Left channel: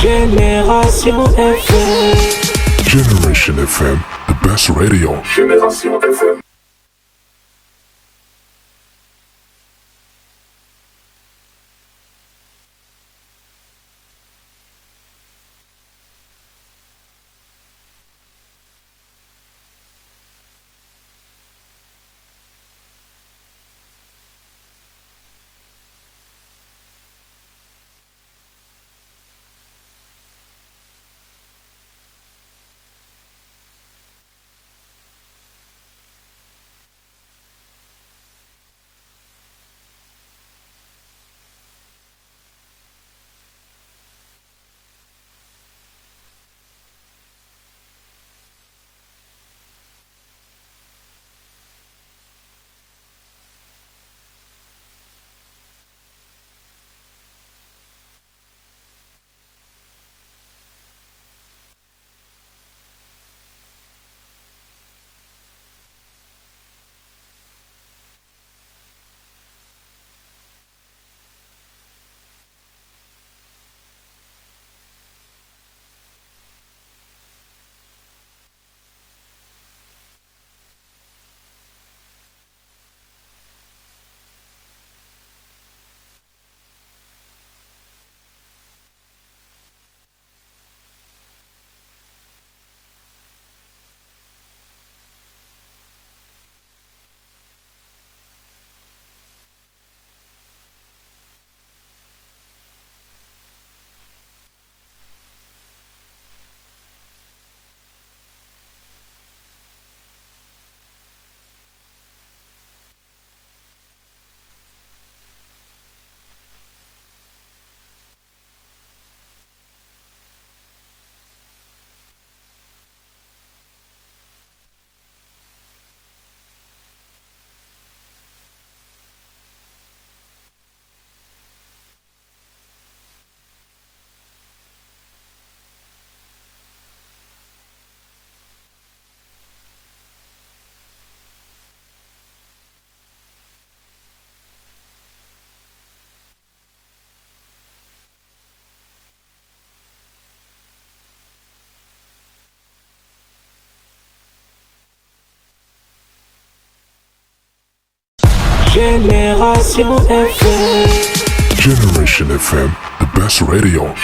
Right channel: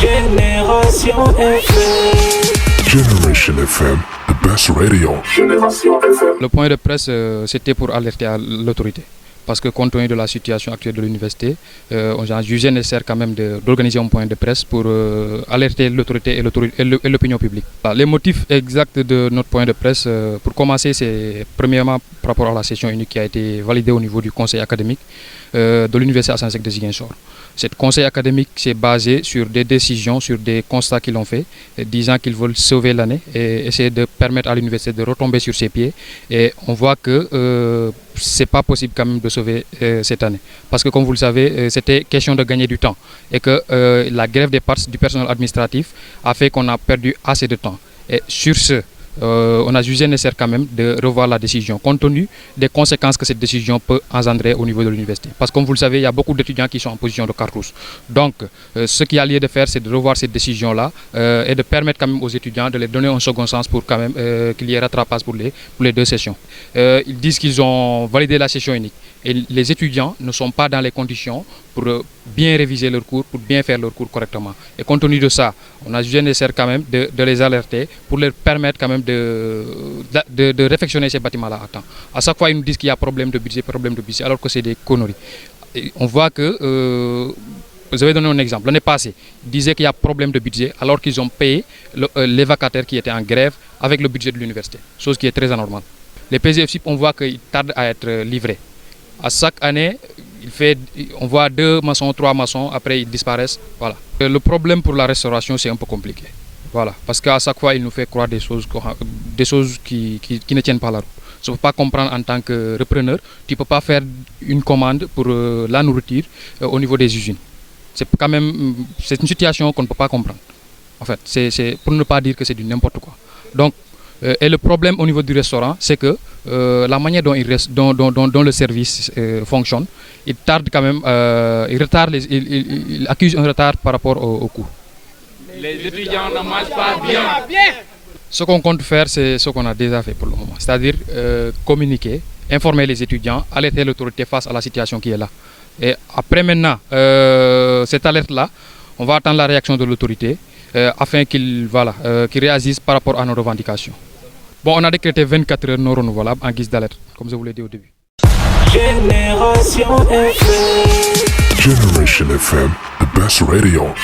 Génération FM. Generation FM, the best radio. Le point de presse, c'était pour alerter à l'autorité. Parce que compte tenu de la situation actuelle de l'université, on a jugé nécessaire quand même d'organiser un point de presse pour alerter l'autorité et l'opinion publique. Les motifs exacts de notre point de presse, pour commencer, c'est premièrement par rapport à la session unique qui a été validée au niveau du conseil académique de l'université Assane Seck de Ziguinchor. Cette conseil académique s'est basé sur des décisions, sur des constats qu'ils ont faits, disant qu'ils veulent sauver l'année et essayer de permettre à l'université de retomber sur ses pieds. Et on voit que ce n'est pas possible quand même de sauver cette année. Parce que comme vous le savez, c'était question de gagner du temps. Et que la grève du personnel administratif a fait qu'on a perdu assez de temps. Et sur ce, on a jugé nécessaire quand même de revoir la décision, compte tenu des conséquences que cette décision peut engendrer au niveau de l'université. Parce que comme vous le savez, il y a beaucoup d'étudiants qui sont en position de cartouche. Donc, ce qu'il y a lieu de faire, c'est de revoir cette décision-là et de permettre quand même aux étudiants de les donner un second sens pour quand même qu'il y ait rattrapage pour les deux sessions. Ils disent qu'ils ont validé la session unique. Et les étudiants ne sont pas dans les conditions pour bien réviser leurs cours, pour bien faire leurs cours correctement. Et compte tenu de ça, on a jugé nécessaire quand même de les alerter pour leur permettre quand même de réfectionner ces bâtiments-là à temps. À chaque fois, ils nous disent qu'il y a problème de budget, alors que c'est des conneries. Et on voit que, vous avez donné un exemple, l'année passée, ils disaient qu'il y a problème de budget alors qu'ils ont payé les vacataires qui étaient en grève avec le budget de l'université, chose qui est très anormale. Les PGFCIP, on voit qu'ils tardent à être livrés. À chaque année, on voit 2 maçons, 3 maçons, après ils disparaissent. Voilà. Le problème pour la restauration, c'est un peu compliqué. Voilà. Parce qu'à chaque fois, il nous fait croire des choses qui ne tiennent pas la route. Je ne peux pas comprendre en tant que repreneur, tu ne peux pas faire une commande pour la nourriture au niveau des usines. C'est une situation qu'on ne peut pas comprendre. En fait, c'est pour ne pas dire que c'est du n'importe quoi. Donc, et le problème au niveau du restaurant, c'est que la manière dont le service fonctionne, il tarde quand même, il accuse un retard par rapport au coût. Les étudiants ne mangent pas bien. Ce qu'on compte faire, c'est ce qu'on a déjà fait pour le moment, c'est-à-dire communiquer, informer les étudiants, alerter l'autorité face à la situation qui est là. Et après maintenant, cette alerte-là, on va attendre la réaction de l'autorité afin qu'ils réagissent par rapport à nos revendications. Bon, on a décrété 24 heures non renouvelables en guise d'alerte, comme je vous l'ai dit au début. Génération FM. Generation FM, the best radio.